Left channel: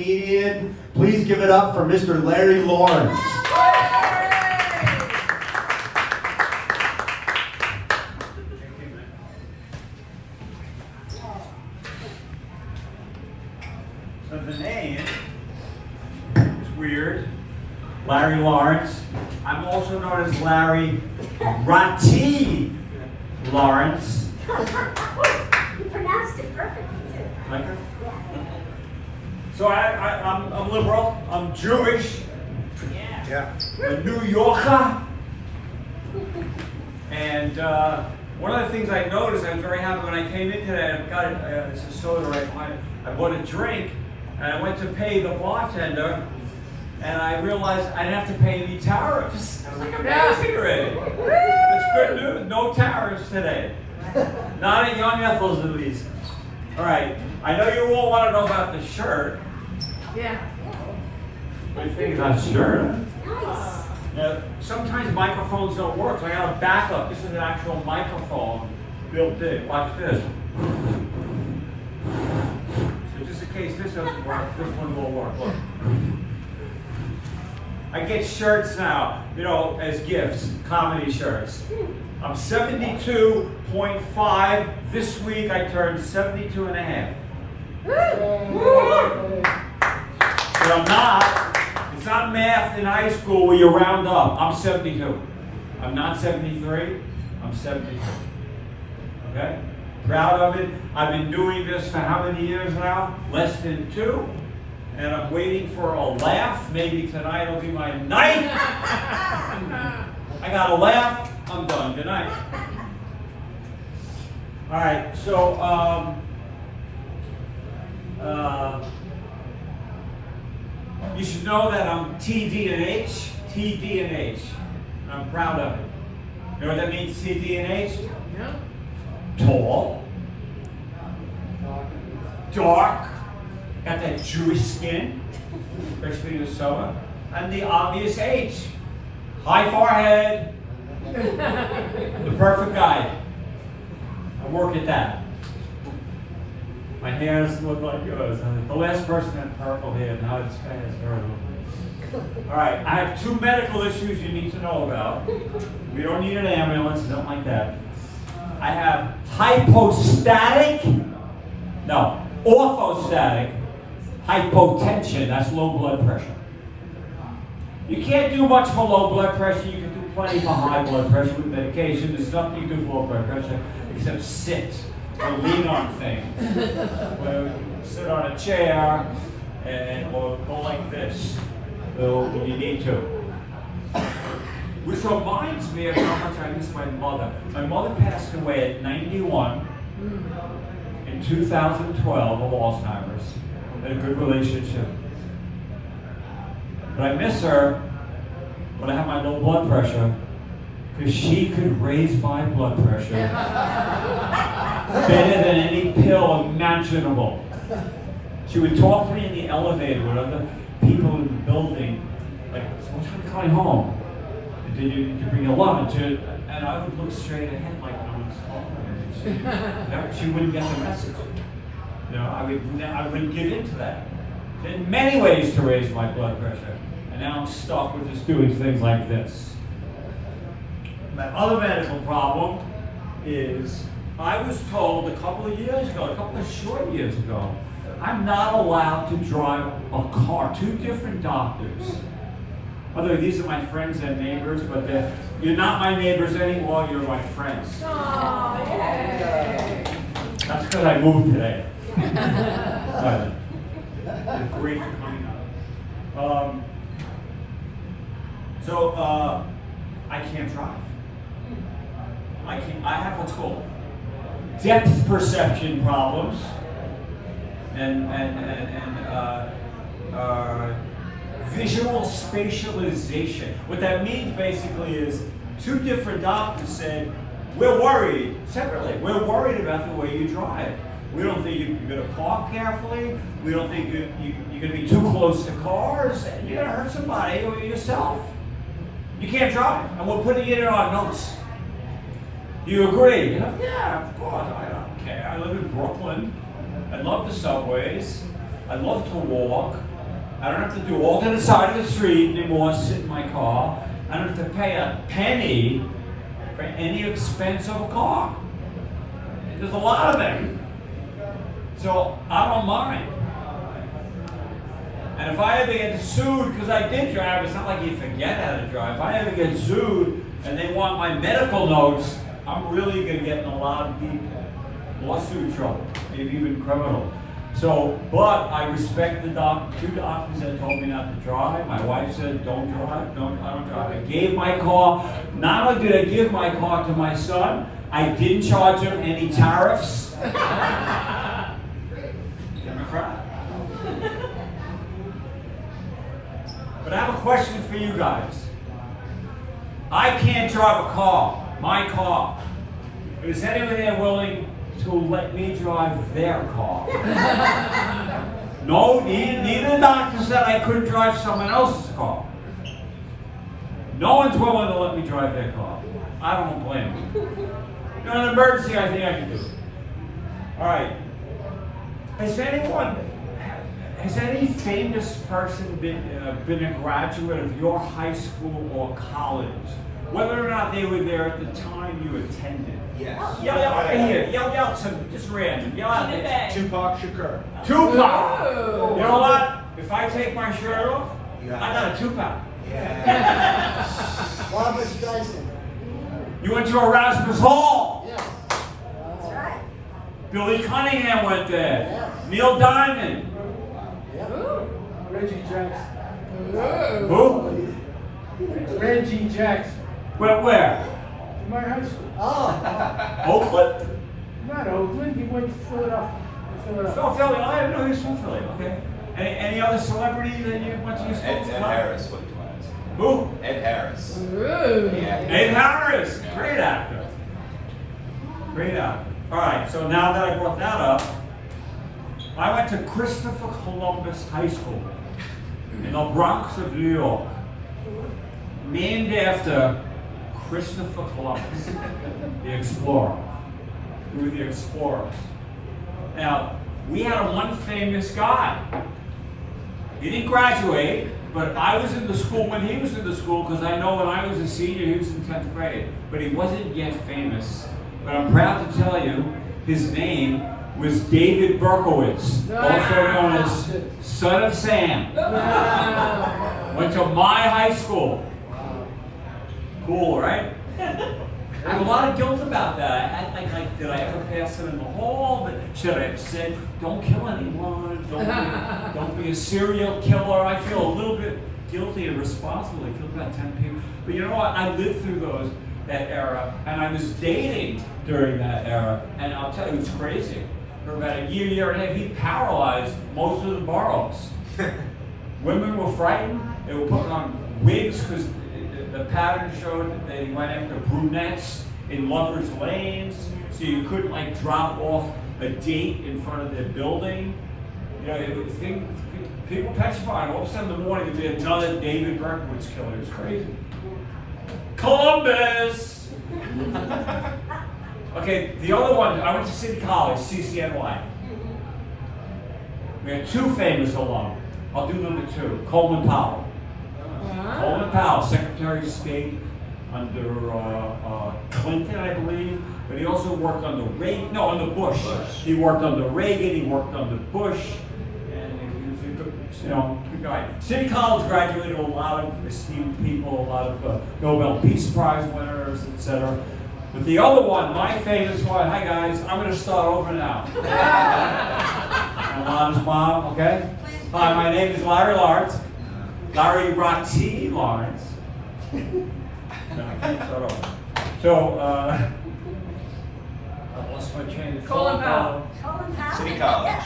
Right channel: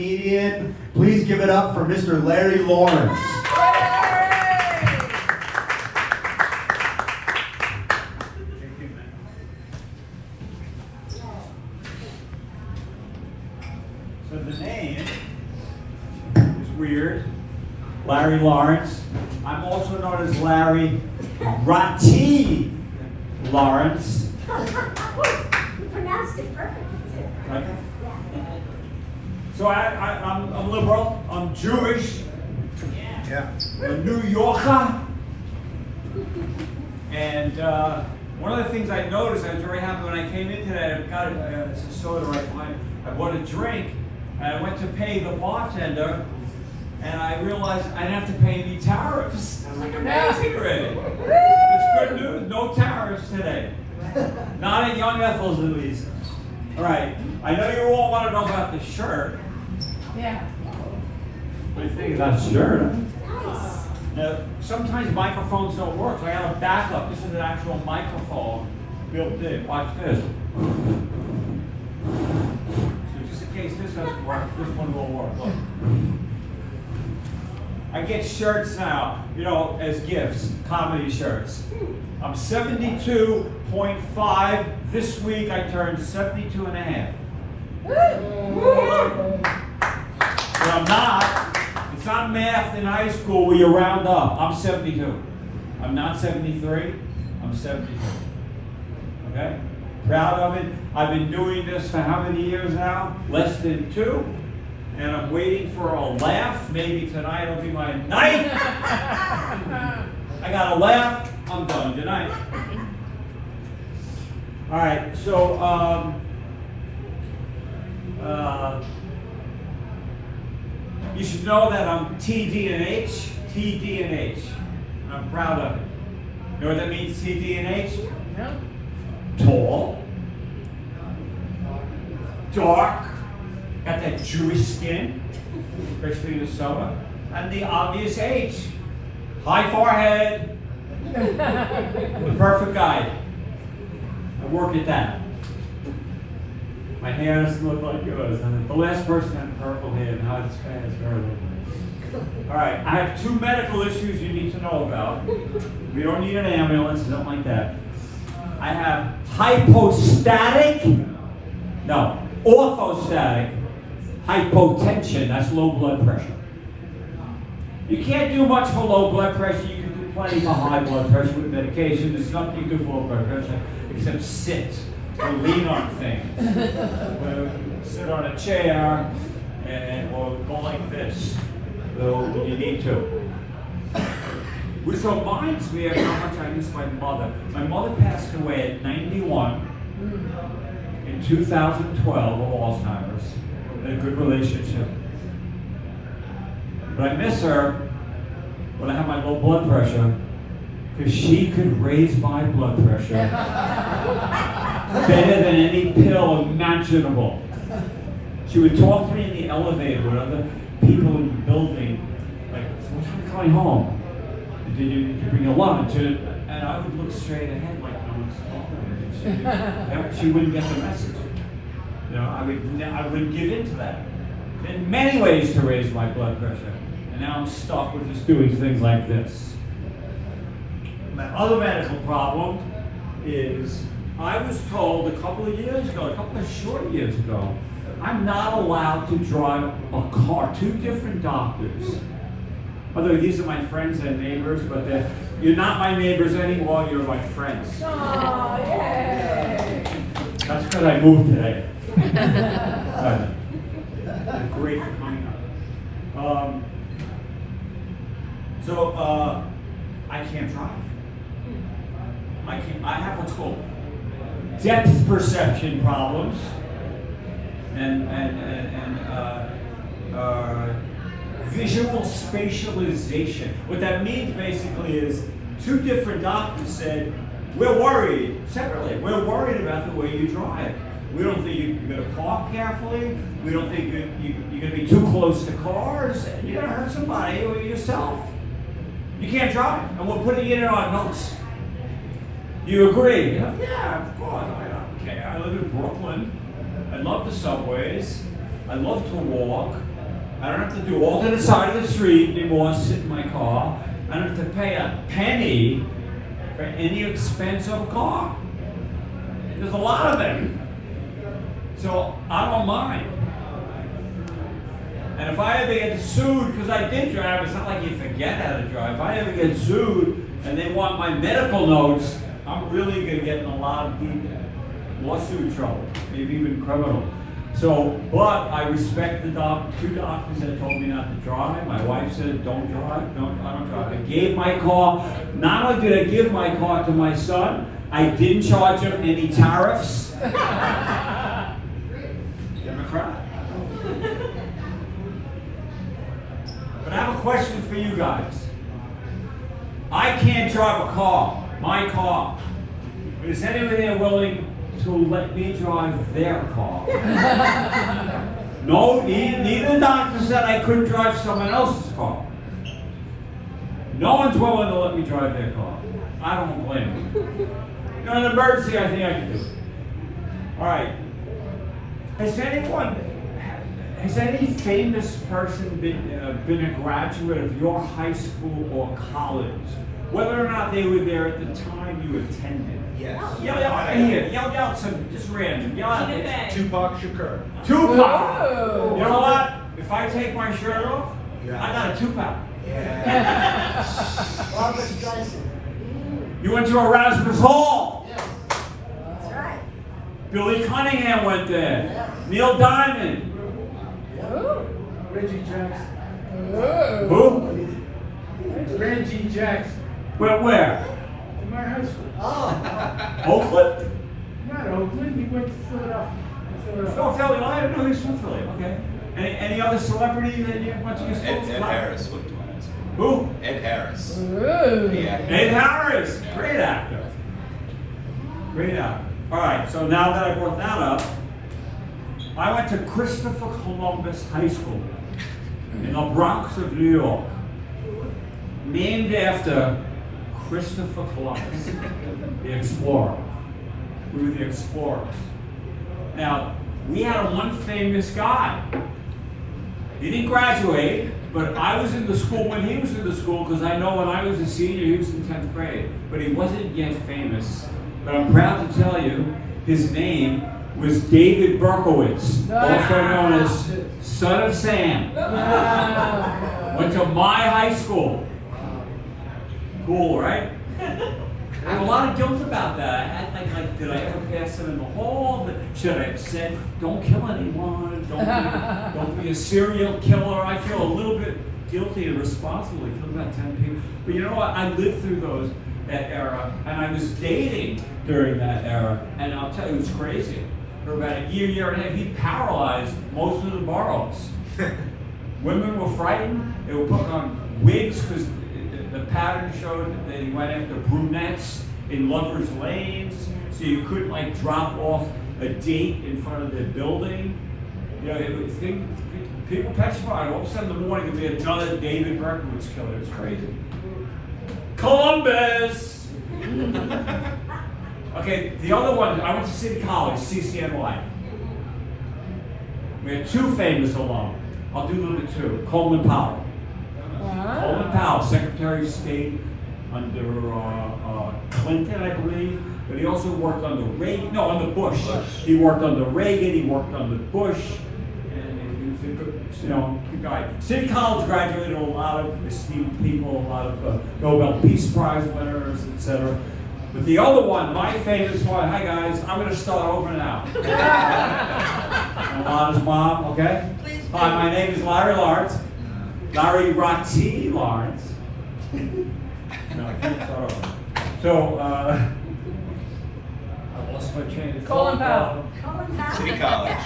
Comedian. Please give it up for Mr. Larry Lawrence. So the name is weird. Larry Lawrence. I'm also known as Larry Ratti Lawrence. You pronounced it perfectly. Like it? So I'm liberal. I'm Jewish. Yeah. A New Yorker. And one of the things I noticed, I was very happy when I came in today. I got a soda right. I bought a drink, and I went to pay the bartender, and I realized I didn't have to pay any tariffs. I was like, amazing already. It's good news. No tariffs today. Not at Young Ethel's at least. All right. I know you all want to know about the shirt. Yeah. What do you think about the shirt? Nice. Now, sometimes microphones don't work, so I have a backup. This is an actual microphone built in. Watch this. So just in case this doesn't work, this one will work. Look. I get shirts now, you know, as gifts, comedy shirts. I'm 72.5. This week I turned 72 and a half. But I'm not. It's not math in high school where you round up. I'm 72. I'm not 73. I'm 72. Okay? Proud of it. I've been doing this for how many years now? Less than 2. And I'm waiting for a laugh. Maybe tonight will be my night. I got a laugh. I'm done. Good night. All right. So, you should know that I'm TD and H. TD and H. I'm proud of it. You know what that means, TD and H? No. Tall. Dark. Got that Jewish skin, especially the summer. And the obvious H. High forehead. The perfect guy. I work at that. My hair doesn't look like yours. I'm the last person had purple hair. Now it's kind of horrible. All right, I have 2 medical issues you need to know about. We don't need an ambulance, nothing like that. I have orthostatic hypotension. That's low blood pressure. You can't do much for low blood pressure. You can do plenty for high blood pressure with medication. There's nothing you can do for low blood pressure except sit or lean on things. Or sit on a chair or go like this. When you need to. Which reminds me of how much I miss my mother. My mother passed away at 91 in 2012 of Alzheimer's. In a good relationship. But I miss her when I have my low blood pressure because she could raise my blood pressure better than any pill imaginable. She would talk to me in the elevator with other people in the building, like, what time are you coming home? Did you bring your lunch? And I would look straight ahead like no one's talking to me. She wouldn't get the message. You know, I would give in to that. In many ways to raise my blood pressure. And now I'm stuck with just doing things like this. My other medical problem is I was told a couple of short years ago, I'm not allowed to drive a car. 2 different doctors. Although these are my friends and neighbors, but you're not my neighbors anymore, you're my friends. Oh, yay. That's because I moved today. Great for coming out. I can't drive. I have what's called depth perception problems and visual spatialization. What that means basically is 2 different doctors said, we're worried, separately, we're worried about the way you drive. We don't think you're going to park carefully. We don't think you're going to be too close to cars. And you're going to hurt somebody or yourself. You can't drive. And we're putting it in our notes. Do you agree? You know, yeah, of course. I don't care. I live in Brooklyn. I love the subways. I love to walk. I don't have to do alternate side of the street anymore, sit in my car. I don't have to pay a penny for any expense of a car. There's a lot of them. So I don't mind. And if I ever get sued, because I did drive, it's not like you forget how to drive. If I ever get sued and they want my medical notes, I'm really going to get in a lot of deep lawsuit trouble, maybe even criminal. So, but I respect the two doctors that told me not to drive. My wife said, don't drive. No, I don't drive. I gave my car, not only did I give my car to my son, I didn't charge him any tariffs. Democrat. But I have a question for you guys. I can't drive a car, my car. Is anybody there willing to let me drive their car? No, neither the doctor said I couldn't drive someone else's car. No one's willing to let me drive their car. I don't blame them. In an emergency, I think I can do it. All right. Has any famous person been a graduate of your high school or college? Whether or not they were there at the time you attended. Yes. Yell out here. Yell out some just random. Yell out. Tupac Shakur. Tupac. Whoa. You know what? If I take my shirt off, Yeah. I got a Tupac. Yeah. Robert Johnson. You went to Erasmus Hall. That's right. Billy Cunningham went there. Yeah. Neil Diamond. Ooh. Reggie Jackson. Ooh. Who? Reggie Jackson. Where? In my high school. Oakland? Not Oakland. He went to Philadelphia. Oh, Philly. I didn't know he was from Philly. Okay. Any other celebrity that you went to your school? Ed Harris went to us. Who? Ed Harris. Ooh. Yeah. Ed Harris. Great actor. Great actor. All right. So now that I brought that up, I went to Christopher Columbus High School in the Bronx of New York, named after Christopher Columbus, the explorer. We were the explorers. Now, we had one famous guy. He didn't graduate, but I was in the school when he was in the school, because I know when I was a senior, he was in 10th grade. But he wasn't yet famous. But I'm proud to tell you, his name was David Berkowitz, also known as Son of Sam. Wow. Went to my high school. Cool, right? I have a lot of guilt about that. I had like, did I ever pass him in the hall? Should I have said, don't kill anyone, don't be a serial killer? I feel a little bit guilty and responsible. I killed about 10 people. But you know what? I lived through that era, and I was dating during that era, and I'll tell you, it was crazy. For about a year and a half, he paralyzed most of the boroughs. Women were frightened. They were putting on wigs because the pattern showed that he went after brunettes in lovers' lanes, so you couldn't like drop off a date in front of their building. You know, people petrified. All of a sudden in the morning, we had another David Berkowitz killer. It was crazy. Columbus! Okay, the other one, I went to City College, CCNY. We had two famous alum. I'll do number two, Coleman Powell. Coleman Powell, Secretary of State under Clinton, I believe, but he also worked under Reagan, no, under Bush. He worked under Reagan, he worked under Bush, and he was a good, good guy. City College graduated a lot of esteemed people, a lot of Nobel Peace Prize winners, etc. But the other one, my famous one, hi guys, I'm going to start over now. I'm Lon's mom, okay? Hi, my name is Larry Lawrence. Larry Rotti Lawrence. No, I can't start over. So, I lost my train of thought. Colin Powell. Colin Powell. City College.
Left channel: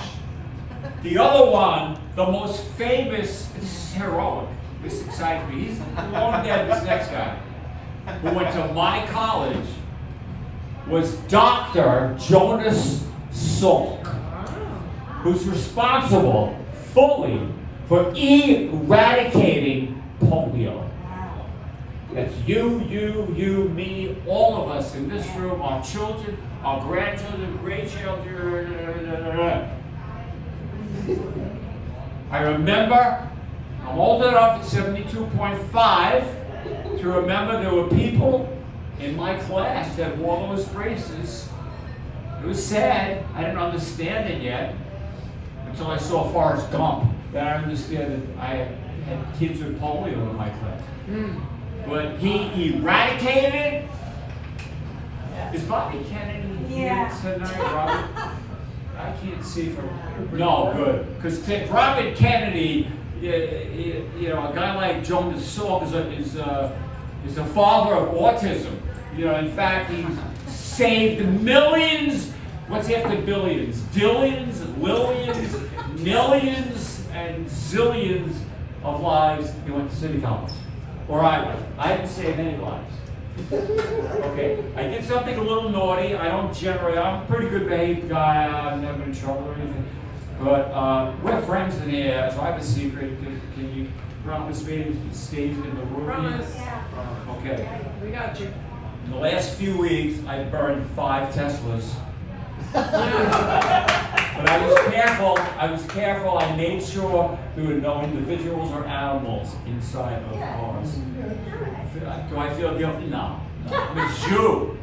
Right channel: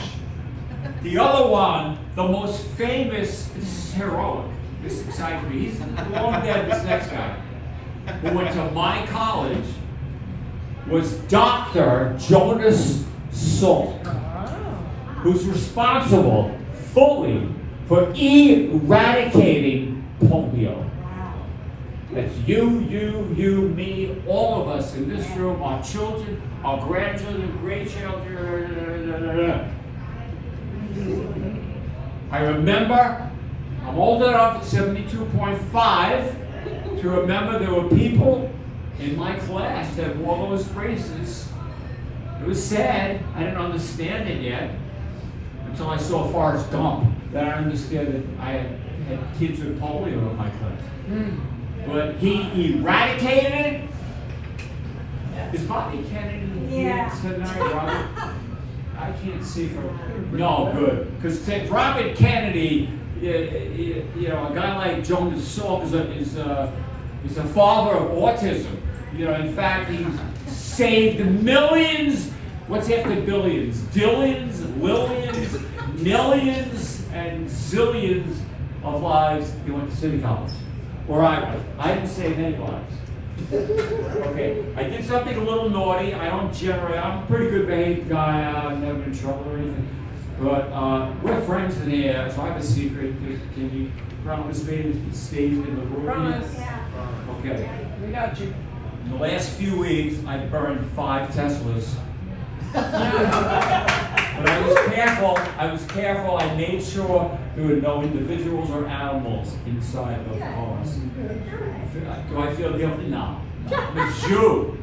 The other one, the most famous, this is heroic, this excites me. He's long dead, this next guy, who went to my college, was Dr. Jonas Salk, who's responsible fully for eradicating polio. That's you, me, all of us in this room, our children, our grandchildren, great-children. I remember I'm old enough at 72.5 to remember there were people in my class that wore those braces. It was sad. I didn't understand it yet until I saw Forrest Gump. Then I understood that I had kids with polio in my class. But he eradicated it. Is Bobby Kennedy here Yeah. tonight, Robert? I can't see from. No, good. Because Robert Kennedy, you know, a guy like Joan Salk is the father of autism. You know, in fact, he's saved millions. What's after billions? Dillions, Lillions, millions, and zillions of lives. He went to City College. Or I didn't save any lives. Okay, I did something a little naughty. I'm a pretty good behaved guy. I've never been in trouble or anything. But we're friends in here, so I have a secret. Can you promise me it stays in the room? Promise. Okay. We got you. In the last few weeks, I burned 5 Teslas. But I was careful. I made sure there were no individuals or animals inside of the cars. Do I feel guilty? No. I'm a Jew.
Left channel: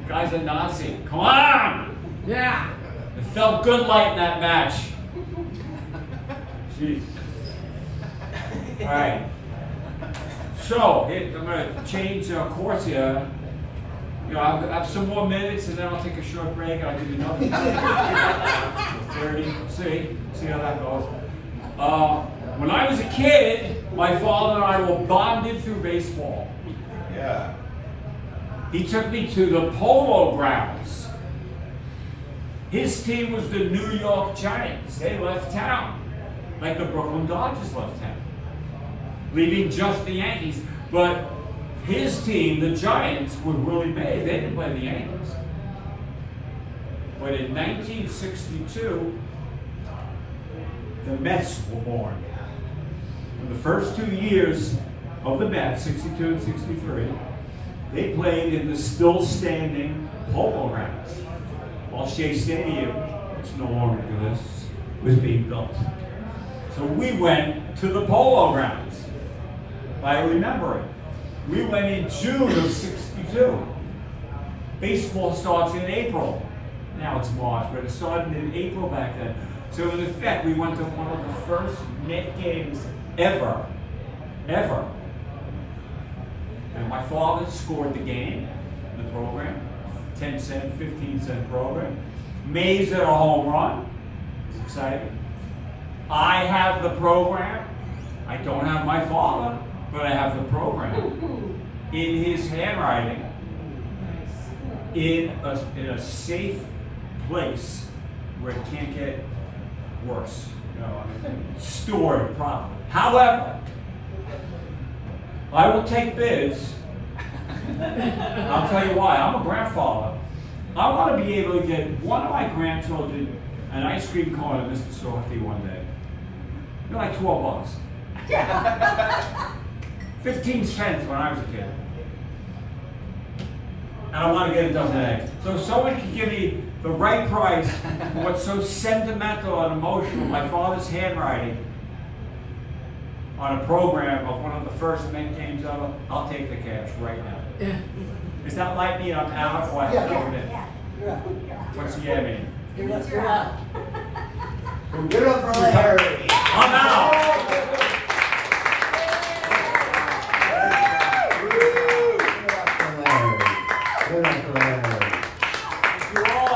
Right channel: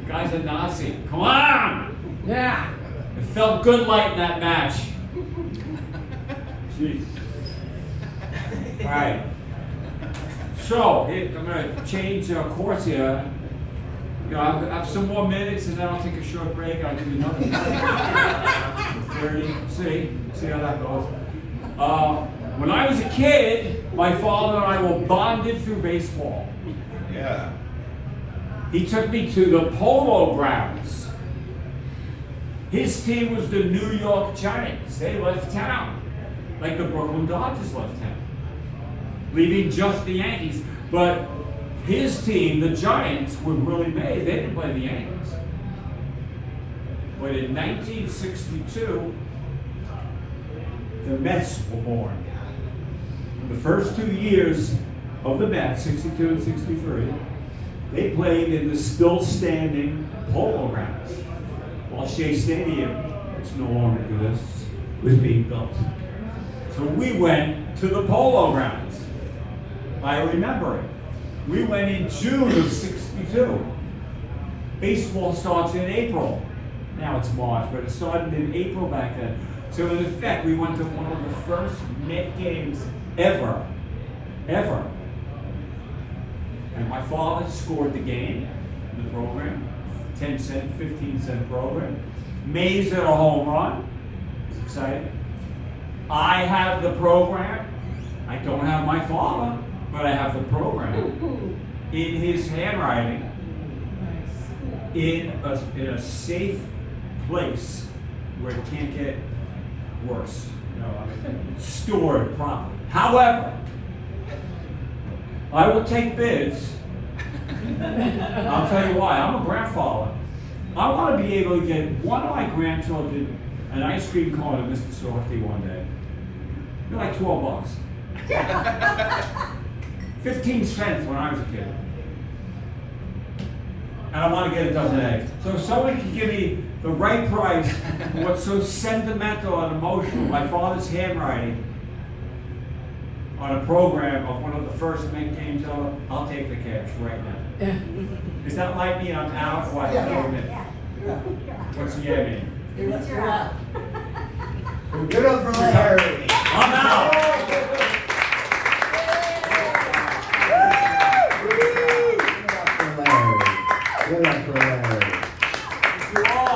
The guy's a Nazi. Come on! Yeah. It felt good lighting that match. Jeez. All right. So, I'm going to change course here. You know, I have some more minutes and then I'll take a short break. I'll give you another minute. See how that goes. When I was a kid, my father and I were bonded through baseball. Yeah. He took me to the Polo Grounds. His team was the New York Giants. They left town, like the Brooklyn Dodgers left town, leaving just the Yankees. But his team, the Giants, were really big. They didn't play the Yankees. But in 1962, the Mets were born. In the first 2 years of the Mets, 62 and 63, they played in the still standing Polo Grounds, while Shea Stadium, which no longer exists, was being built. So we went to the Polo Grounds. I remember it. We went in June of 62. Baseball starts in April. Now it's March, but it started in April back then. So in effect, we went to one of the first Met games ever. And my father scored the game in the program, 10-cent, 15-cent program. Mays hit a home run. It was exciting. I have the program. I don't have my father, but I have the program in his handwriting, in a safe place where it can't get worse. You know, I mean, stored properly. However, I will take bids. I'll tell you why. I'm a grandfather. I want to be able to get one of my grandchildren an ice cream cone at Mr. Softy one day. They're like $12. 15 cents when I was a kid. And I want to get a dozen eggs. So if someone can give me the right price for what's so sentimental and emotional, my father's handwriting, on a program of one of the first Met games ever, I'll take the cash right now. Is that like me? I'm out of what? Yeah. What's the yeah mean? It's your out. Give it up for Larry. I'm out! Give it up for Larry.